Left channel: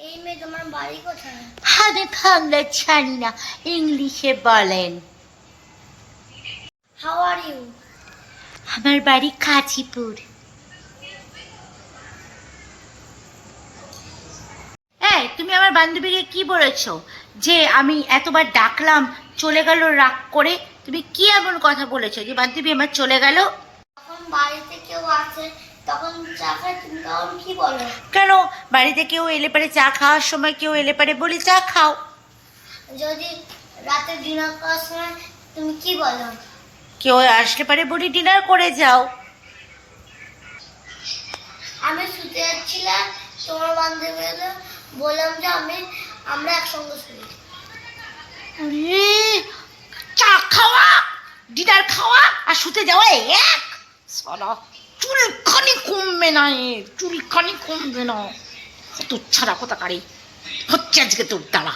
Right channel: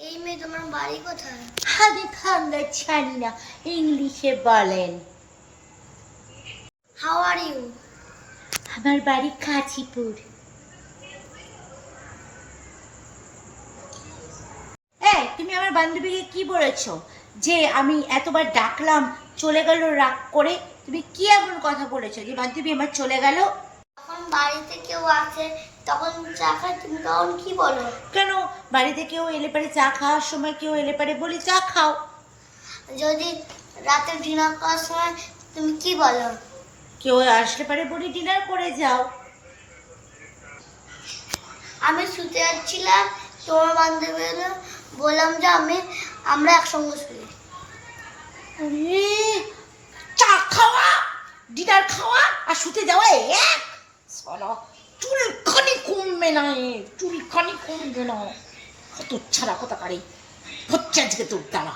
এই মেয়ে তোমার বাড়ি কোথায়? বাংলা জানি না ইংলিশে বলেন। হাউ আর ইউ আমার বাড়ি কাঁচিপুর এই তুমি আমার বান্ধবীকে কি বলেছ? যে আমি এতবার ডাকলাম চলে গেল রাগ করে তুমি কি এমন কথা বলেছ যে বান্ধবী আমার চলে গেল? যখন বাড়িতে কেউ আসে তখন চা খায় তুমি তখন কি বলো? কেন? বাড়িতে কেউ এলে পারে চা খাওয়ার সময় কেউ এলে পারে বলি চা খাও। যদি রাতে ডিনার করার সময় তুমি কি বলো? কেউ আসলে পারে বলি ডিনার করে যাও। আমি শুতে যাচ্ছিলাম তোমার বান্ধবী এলো বললাম যে আমি আমরা একসঙ্গে শুই। চা খাওয়া ডিনার খাওয়া আর শুতে যাওয়া এক। চুলখানি কমবে না এ চুলখানি কমবে না। কত ছাড়া কথা কারে? হচ্ছে আজকে তোর দ্বারা